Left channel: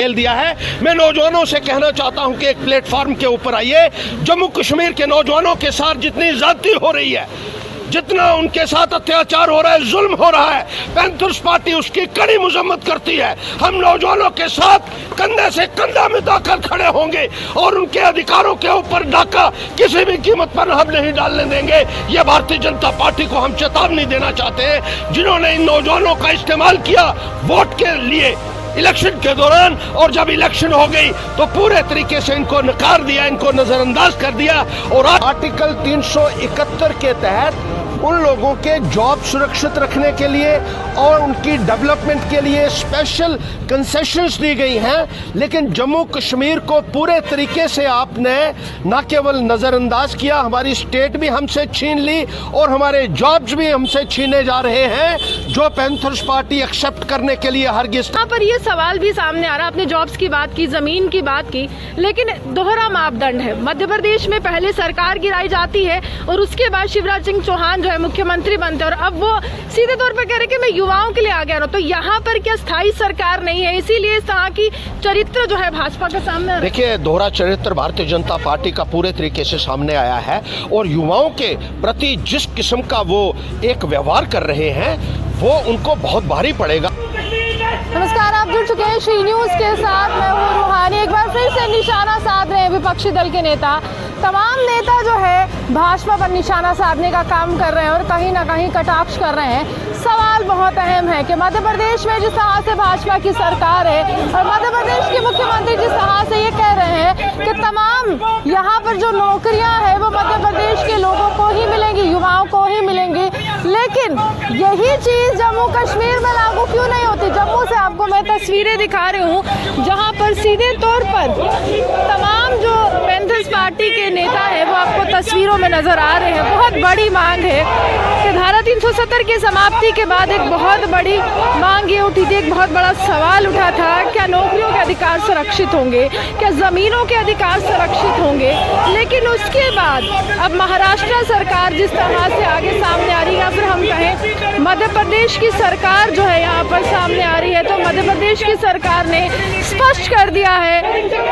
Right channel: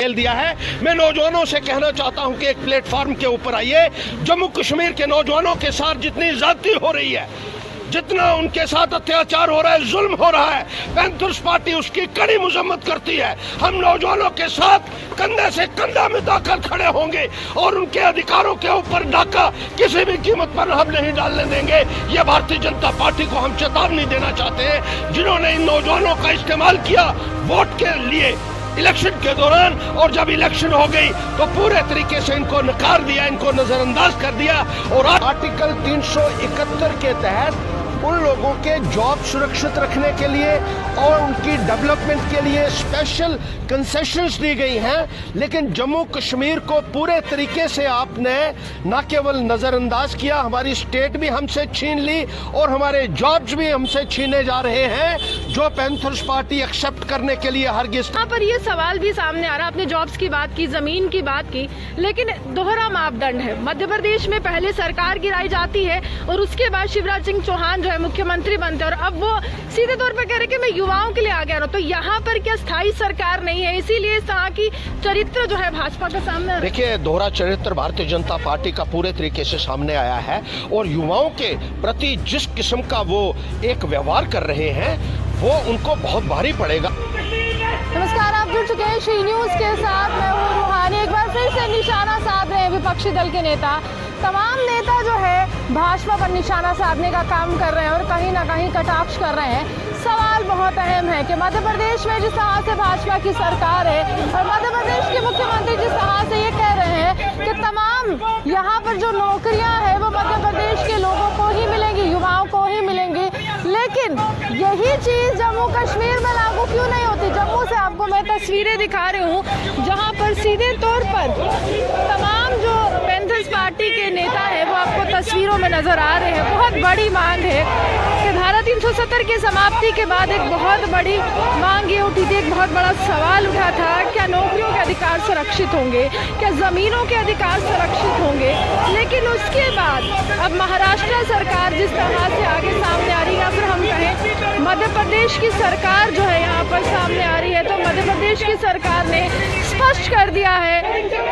खेल दिया है। मैं नौजवानों से कहना चाहता हूं कि एक प्लेटफॉर्म के ऊपर आइए। जम्मू कश्मीर के नौजवानों के साथ जितनी ज्यादती हो रही है, जितना उनके साथ अत्याचार हो रहा है, जुल्म हो रहा है, पैंथर्स पार्टी उसकी कड़ी मजम्मत करती है। हम नौजवानों के साथ कंधे से कंधा मिलाकर खड़े होंगे और उनके अधिकारों के ऊपर डाका किसी भी कीमत पर हम नहीं डालने देंगे। ये भारतीय जनता पार्टी को हम चेतावनी देना चाहते हैं, जिन्होंने इन नौजवानों का इस्तेमाल किया वोट के लिए इलेक्शन के दौरान, और जब इलेक्शन हो गई तो पूरे तरीके से इनको नकार दिया, इनको नजरअंदाज कर दिया। और आर्टिकल 371 के तहत उन लोगों के जॉब सुरक्षित रखने के लिए और उनकी डेवलपमेंट के लिए स्पेशल कंसेशंस दी गई हैं, लेकिन जम्मू कश्मीर को पूरे तरीके से आपने न केवल नजरअंदाज किया, हमारी स्टेट भी हमसे छीन ली और हमारे जॉब्स भी हमसे छीने जा रहे हैं, जो पैंथर्स पार्टी एक्सेप्ट करने के लिए हरगिज। यहाँ पर ये सवाल भी सामने आ रहा, आपने जॉब्स की बात की, जमीन की बात की, लेकिन दोहरा मापदंड है। मध्य प्रदेश में पहले सरकार गिराई जाती है और उसके बाद शिवराज सिंह चौहान जो है मुख्यमंत्री बनते हैं, और अब वो सीधे तौर पर कह रहे कि मैं युवाओं के लिए आ गया हूं। तो यहाँ पर क्या स्थायी सरकार नहीं है, इसीलिए इस तरह की चरित्र जो है भाजपा के सामने? देखिए, दोहरा चरित्र भारतीय जनता पार्टी का पूरे तरीके से सामने आया है और युवाओं के प्रति जिस किस्म का वो एक व्यवहार कर रहे हैं वो उनको बहुत भारी पड़ेगा। नमस्कार, आप जुड़ चुके हैं श्री न्यूज के साथ, मैं हूं रूहानी। एक बार फिर से निशाना साध रहे हैं विपक्षी दल के नेता। तमाम नेता जो है भाजपा पर निशाना साधने का काम कर रहे हैं और कहीं ना कहीं कटाक्ष कर रहे हैं। सवाल बहुत अहम है कि मध्य प्रदेश में जिस तरह से भाजपा की सरकार है और मध्य प्रदेश के मुख्यमंत्री जिस तरह से ये कह रहे हैं कि तमाम यहाँ पर जो नौकरियां हैं वो मध्य प्रदेश के लोगों को ही मिलेंगी, युवाओं को ही मिलेंगी, लेकिन यही चीज जम्मू कश्मीर में लागू क्यों नहीं होती? जम्मू से आपको मैं तस्वीरें दिखा रही हूँ जहाँ पर सीधे तौर पर तमाम जो पैंथर्स पार्टी के नेता है वो आपको तस्वीरों में नजर आ रहे हैं। बहुत बड़ी मांग है कि धारा 370 की समाप्ति के बाद एक बहुत बड़ी मांग ये उठी थी, एक बहुत बड़ा सवाल उठा था, क्या नौकरियों के अधिकार सुरक्षित होंगे, क्या जमीनों के अधिकार सुरक्षित होंगे? लेकिन उसके बाद अब महाराष्ट्र सरकार जिस तरह से आगे सामने आ रही है, या फिर हम कहें मध्य प्रदेश की सरकार जो है यहाँ पर सामने आ रही है, तो मध्य प्रदेश की सरकार ने स्पष्ट कर दिया है,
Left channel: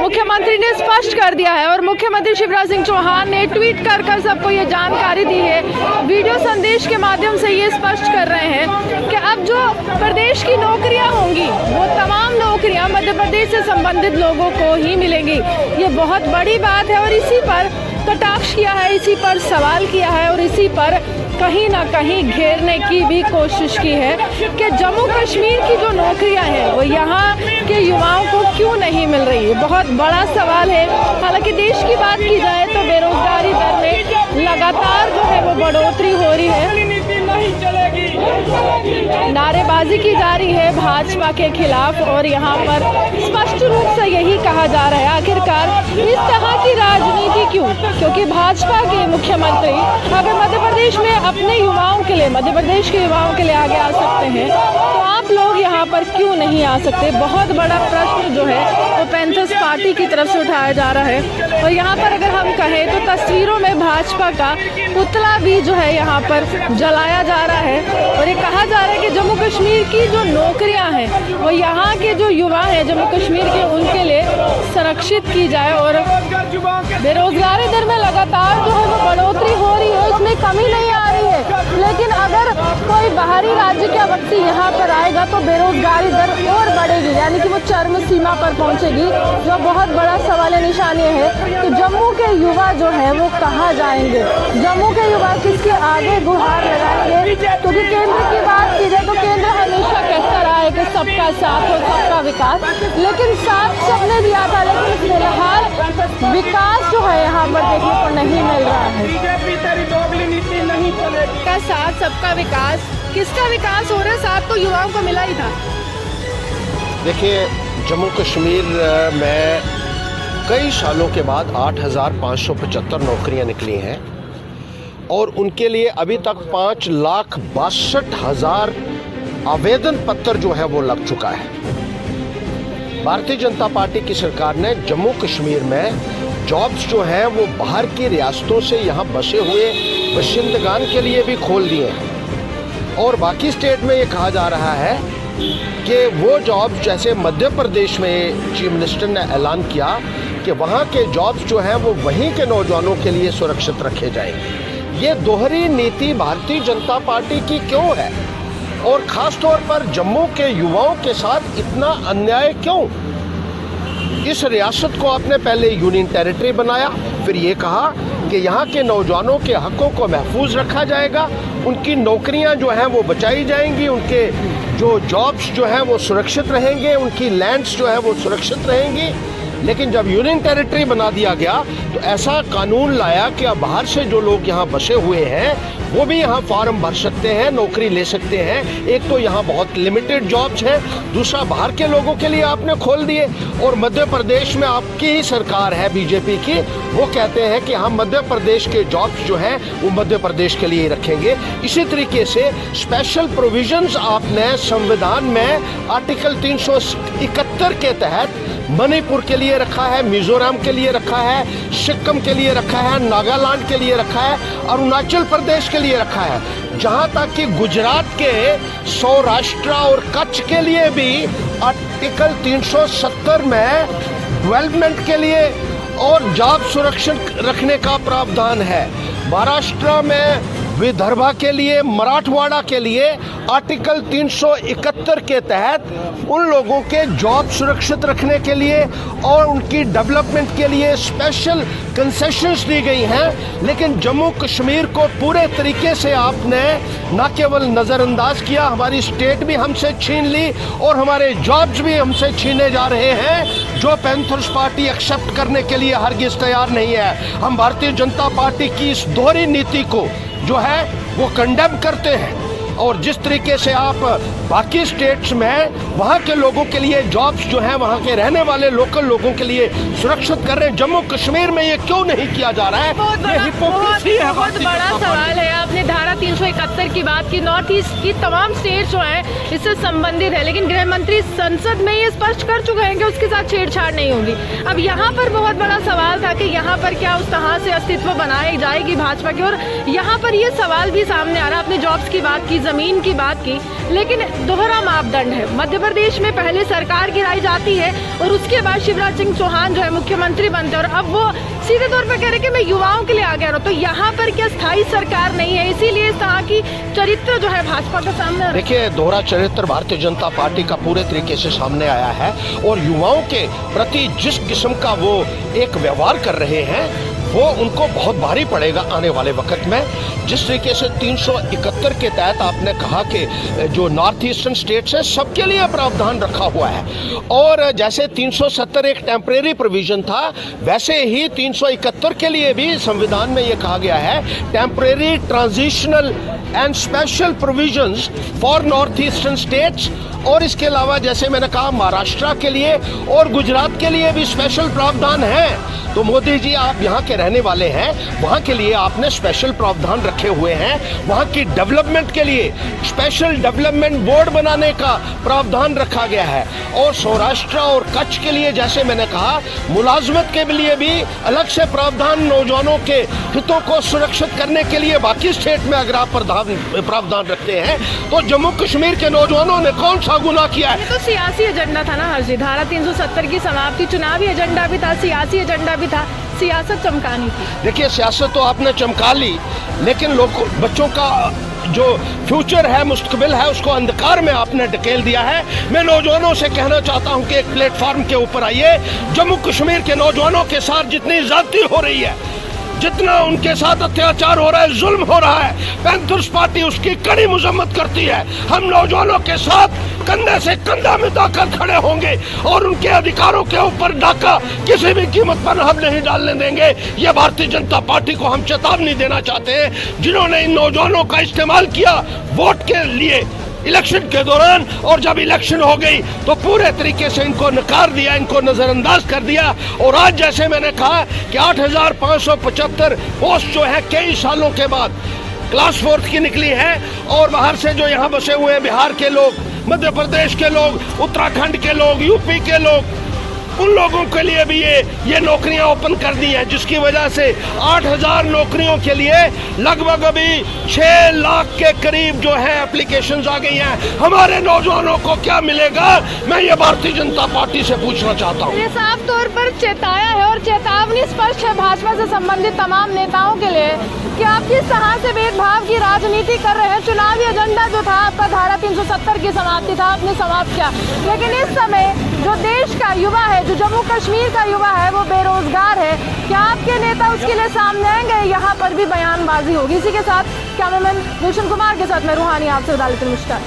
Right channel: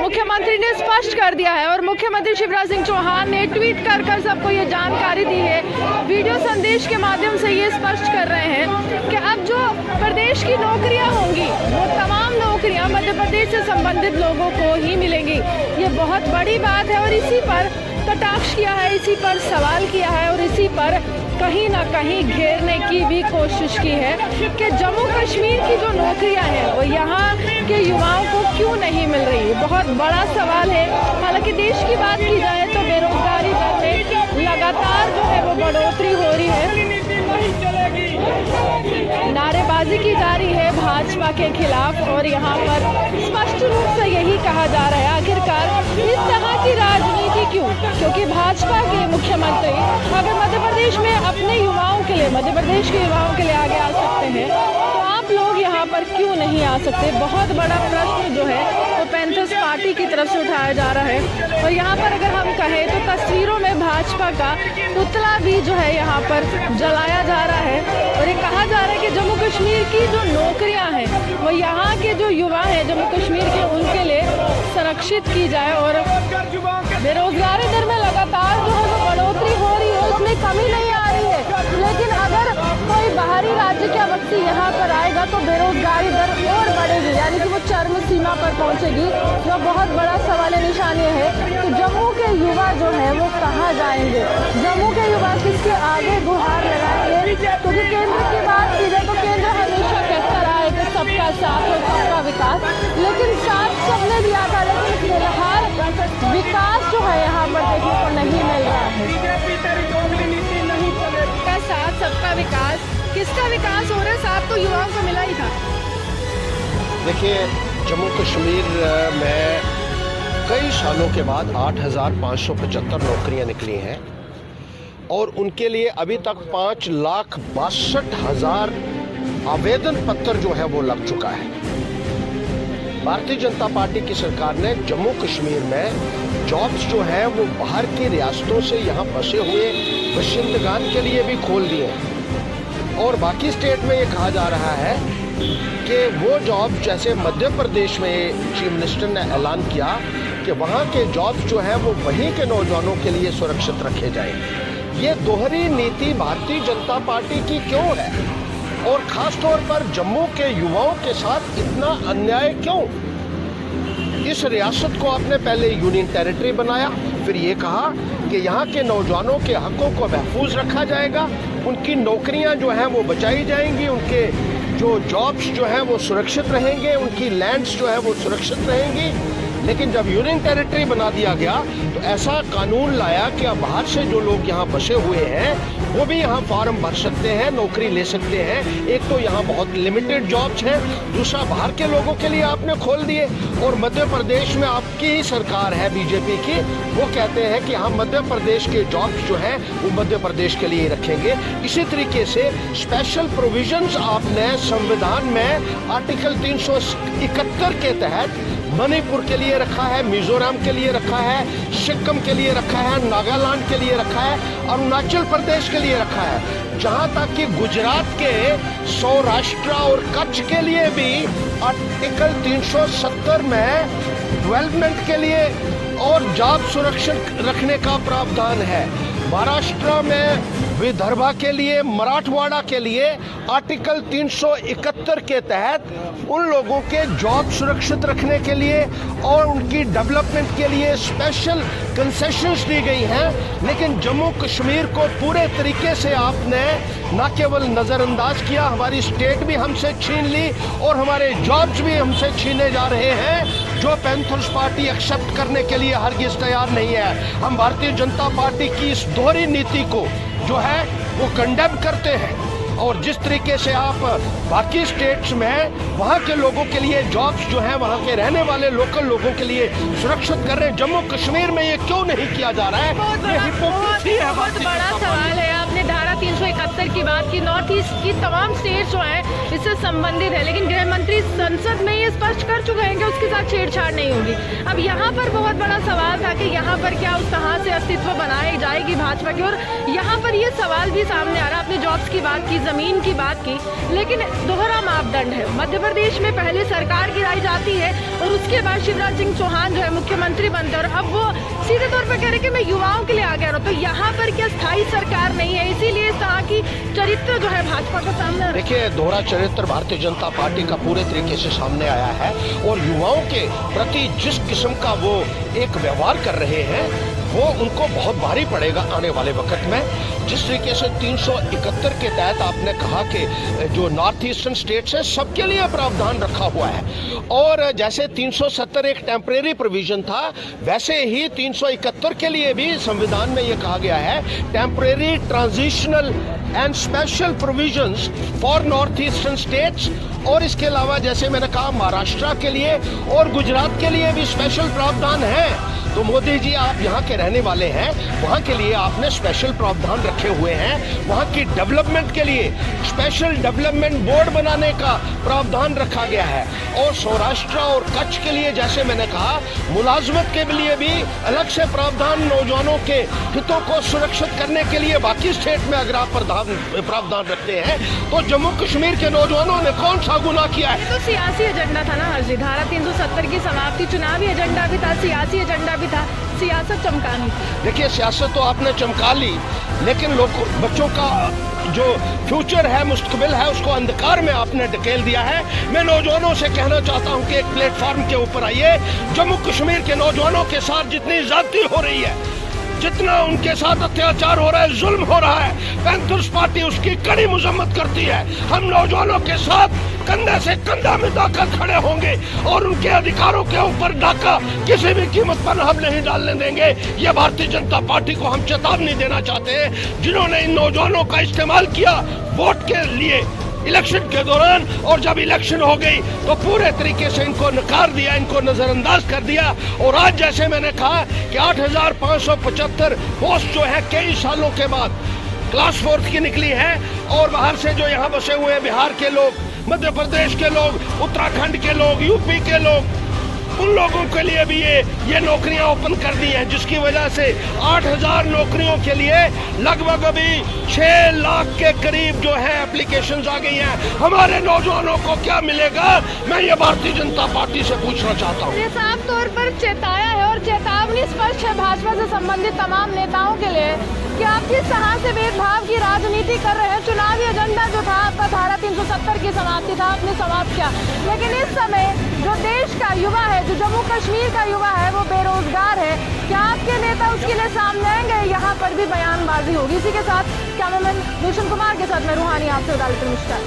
मुख्यमंत्री ने स्पष्ट कर दिया है और मुख्यमंत्री शिवराज सिंह चौहान ने ट्वीट कर सबको ये जानकारी दी है, वीडियो संदेश के माध्यम से ये स्पष्ट कर रहे हैं कि अब जो प्रदेश की नौकरियां होंगी वो तमाम नौकरियां मध्य प्रदेश से संबंधित लोगों को ही मिलेंगी। ये बहुत बड़ी बात है और इसी पर कटाक्ष किया है, इसी पर सवाल किया है और इसी पर कहीं ना कहीं घेरने की भी कोशिश की है कि जम्मू कश्मीर की जो नौकरियां हैं वो यहाँ के युवाओं को क्यों नहीं मिल रही है। बहुत बड़ा सवाल है। हालांकि देश की बात की जाए तो बेरोजगारी दर में लगातार जो है वो बढ़ोतरी हो रही है, नारेबाजी की जा रही है भाजपा के खिलाफ और यहाँ पर स्पष्ट रूप से यही कहा जा रहा है आखिरकार इस तरह की राजनीति क्यों? क्योंकि भाजपा के मुख्यमंत्री अगर मध्य प्रदेश में अपने युवाओं के लिए, मध्य प्रदेश के युवाओं के लिए आगे आ सकते हैं, तो आप लोग यहाँ पर क्यों नहीं आ सकते? बहुत बड़ा प्रश्न जो है वो पैंथर्स पार्टी की तरफ से उठाया जा रहा है। और यहाँ पर अगर हम कहें तो तस्वीरों में भाजपा का पुतला भी जो है यहाँ पर जलाया जा रहा है और ये कहा जा रहा है कि जम्मू कश्मीर की जो नौकरियां हैं वो यहाँ के जो युवा हैं जम्मू कश्मीर के, उनके लिए सुरक्षित की जाए। और बेरोजगारी दर में लगातार जो है वो बढ़ोतरी हो रही है, इसमें कमी नहीं आ रही है, लेकिन अगर कोई बाहरी राज्य का व्यक्ति यहाँ पर आएगा तो बेरोजगारी दर और बढ़ेगी, यानी कि वो चरम सीमा पर पहुँचेगी, जो बहुत बड़ा सवाल निशानी है कि जम्मू के युवा जो है वो कहाँ जाएंगे, जम्मू के युवा किसके आगे गुहार लगाएंगे? क्योंकि केंद्र की बात की जाए तो केंद्र हमेशा कहता रहा है कि सबका साथ और सबका विकास, लेकिन साथ सबने दिया था, लेकिन फिलहाल विकास जो है यहाँ पर देखने को नहीं मिल रहा है। सबका साथ सबका विकास, किसका विकास हो रहा है? साथ तो युवाओं को मिला ही था। देखिए, जम्मू कश्मीर में कई सालों के बाद 8,575 नौकरियां निकली हैं और उनके लिए अभी तक 5,62,000 आवेदन पत्र जो है वो लग चुका है। भारतीय जनता पार्टी की सरकार ने जम्मू कश्मीर में जॉब्स जो हैं वो बाहर की रियासतों से यहाँ बसे हुए बाशिंदगान के लिए भी खोल दिए हैं और बाकी स्टेट में ये कहा जा रहा है कि वो जॉब जैसे मध्य प्रदेश में चीफ मिनिस्टर ने ऐलान किया कि वहाँ के जॉब्स जो हैं वो वहीं के नौजवानों के लिए सुरक्षित रखे जाएंगे। ये दोहरी नीति भारतीय जनता पार्टी की क्यों है और खास तौर पर जम्मू के युवाओं के साथ इतना अन्याय क्यों? इस रियासत को आपने पहले यूनियन टेरिटरी बनाया, फिर ये कहा कि यहाँ के नौजवानों के हकों को महफूज रखा जाएगा, उनकी नौकरियाँ जो हैं वो बचाई जाएंगी, उनके जो जॉब्स जो हैं वो सुरक्षित रहेंगे, उनकी लैंड्स जो है वो सुरक्षित रहेंगी। लेकिन जब यूनियन टेरिटरी बना दिया गया तो ऐसा कानून लाया कि अब बाहर से जो लोग यहाँ बसे हुए हैं वो भी यहाँ फॉर्म भर सकते हैं, नौकरी ले सकते हैं। एक तो यहाँ बहुत लिमिटेड जॉब्स हैं, दूसरा बाहर के लोगों के लिए आपने खोल दिए। और मध्य प्रदेश में आपकी ही सरकार है बीजेपी की, वो कहते हैं कि हम मध्य प्रदेश के जॉब्स जो हैं वो मध्य प्रदेश के लिए रखेंगे। इसी तरीके से स्पेशल प्रोविजंस आपने संविधान में आर्टिकल 371 के तहत मणिपुर के लिए रखा है, मिजोरम के लिए रखा है, सिक्किम के लिए रखा है, नागालैंड के लिए रखा है, अरुणाचल प्रदेश के लिए रखा है, जहां तक कि गुजरात के सौराष्ट्र और कच्छ के लिए भी आर्टिकल 370 में डेवलपमेंट के लिए और जॉब सुरक्षित रखने का प्रावधान है। महाराष्ट्र में विदर्भा के लिए, मराठवाड़ा के लिए आर्टिकल 371 के तहत उन लोगों के जॉब सुरक्षित रखने के लिए और उनकी डेवलपमेंट के लिए स्पेशल कंसेशंस दी गई हैं। लेकिन जम्मू कश्मीर को पूरे तरीके से आपने न केवल नज़रअंदाज किया, हमारी स्टेट भी हमसे छीन ली और हमारे जॉब्स भी हमसे छीने जा रहे हैं, जो पैंथर्स पार्टी एक्सेप्ट करने के लिए हरगिज तैयार नहीं है। हम भारतीय जनता पार्टी की इस दोहरी नीति को जो है वो कंडेम करते हैं। और जिस तरीके से आप बाकी स्टेट्स में वहाँ के लोगों के लिए जॉब्स जो हैं वहाँ के रहने वाले लोकल लोगों के लिए सुरक्षित कर रहे हैं, जम्मू कश्मीर में ये क्यों नहीं किया जा रहा है? ये हिपोक्रेसी है। बहुत बड़ा सवाल है। आपने धारा 371 की बात की, नॉर्थ ईस्ट की तमाम स्टेट्स जो हैं इससे संबंधित है, लेकिन गृह मंत्री संसद में ये स्पष्ट कर चुके हैं कि उसके साथ छेड़छाड़ नहीं होगी। अब यहाँ पर बहुत बड़ा सवाल था कि यहाँ पर क्या उस तरह से अस्तित्व बनाई जाएगी भाजपा की, और यहाँ पर ये सवाल भी सामने आ रहा। आपने जॉब्स की बात की, जमीन की बात की, लेकिन दोहरा मापदंड है। मध्य प्रदेश में पहले सरकार गिराई जाती है और उसके बाद शिवराज सिंह चौहान जो है मुख्यमंत्री बनते हैं, और अब वो सीधे तौर पर कह रहे कि मैं युवाओं के लिए आगे आ रहा हूँ। तो यहाँ पर क्या स्थायी सरकार नहीं है, इसीलिए इस तरह की चरित्र जो है भाजपा के सामने? देखिए, दोहरा चरित्र भारतीय जनता पार्टी का पूरे तरीके से सामने आया है और युवाओं के प्रति जिस किस्म का वो एक व्यवहार कर रहे हैं वो उनको बहुत भारी पड़ेगा आने वाले वक्त में। जिस तरीके से 371 के तहत आपने कहा कि जो नॉर्थ ईस्टर्न स्टेट्स हैं सबके लिए प्रावधान रखा हुआ है, और जैसे 370 एक टेम्परेरी प्रोविजन था, वैसे ही 371 के लिए भी संविधान में ये कहा गया है temporary, transitional and special provisions for north eastern states. और इसके अलावा जैसे मैंने कहा महाराष्ट्र के लिए और गुजरात के लिए भी स्पेशल प्रावधान है। तो मोदी जी, आप यहाँ के रहने वाले हैं, वहाँ के लिए आपने स्पेशल प्रावधान रखे हुए हैं, वहाँ की डेवलपमेंट के लिए स्पेशल डेवलपमेंट बोर्ड बनाने का प्रावधान रखा गया है। और सौराष्ट्र और कच्छ के लिए जैसे मैंने कहा मुलाजमत के लिए भी अलग से प्रावधान, नौजवानों के हितों को सुरक्षित करने के लिए बाकी स्टेट में अगर आप प्रावधान रखते हैं तो जम्मू कश्मीर के नौजवानों ने कौन सा गुनाह किया है? ये तो सियासी एजेंडा था ना हर्षी, धारा 370 की समाप्ति चुनावी एजेंडा भी था, सियासी एजेंडा भी था, सियासत चमकानी। देखिए, सियासत तो आपने चमका ली, लेकिन लोग बच्चों का जो फ्यूचर है, मुस्तकबिल है, उसको अंधकार में आपने ढकेल दिया है। मैं नौजवानों से कहना चाहता हूं कि एक प्लेटफॉर्म के ऊपर आइए। जम्मू कश्मीर के नौजवानों के साथ जितनी ज्यादती हो रही है, जितना उनके साथ अत्याचार हो रहा है, जुल्म हो रहा है, पैंथर्स पार्टी उसकी कड़ी मजम्मत करती है। हम नौजवानों के साथ कंधे से कंधा मिलाकर खड़े होंगे और उनके अधिकारों के ऊपर डाका किसी भी कीमत पर हम नहीं डालने देंगे। ये भारतीय जनता पार्टी को हम चेतावनी देना चाहते हैं, जिन्होंने इन नौजवानों का इस्तेमाल किया वोट के लिए इलेक्शन के दौरान, और जब इलेक्शन हो गई तो पूरे तरीके से इनको नकार दिया, इनको नजरअंदाज कर दिया। और आज जैसे मैंने कहा कि 8,575 पोस्ट जो है कई सालों के बाद क्लास 4 की निकली है, और बाहर से जो यहाँ बसे हुए बिहार के लोग, मध्य प्रदेश के लोग, उत्तराखंड के लोग, यूपी के लोग, उन लोगों के लिए भी ये नौकरियां ओपन कर दी हैं, जिसकी वजह से 8,000 नौकरियों के लिए लगभग अभी 6 लाख के करीब जो है एप्लीकेशंस आ गई हैं। हमारे नौजवानों को क्या मिलेगा, मैं ये भारतीय जनता पार्टी से पूछना चाहता हूँ। ये साफ तौर पर चेताया है और चेतावनी स्पष्ट है भाजपा से संबंधित तमाम नेताओं के लिए कि आप किस तरह से भेदभाव की राजनीति कर रहे हैं। चुनावी एजेंडा जो था आपका धारा 370 की समाप्ति था, आपने समाप्त किया, लेकिन इस समय जो देश का युवा है, जो जम्मू कश्मीर का युवा है, वो बेरोजगार है। क्या आपके नेता उसके लिए सामने आएंगे? यहाँ पर भी बयानबाजी होगी। इसी के साथ कैमरामैन गुलशन कुमार के साथ मैं रूहानी आपसे मिश्रा।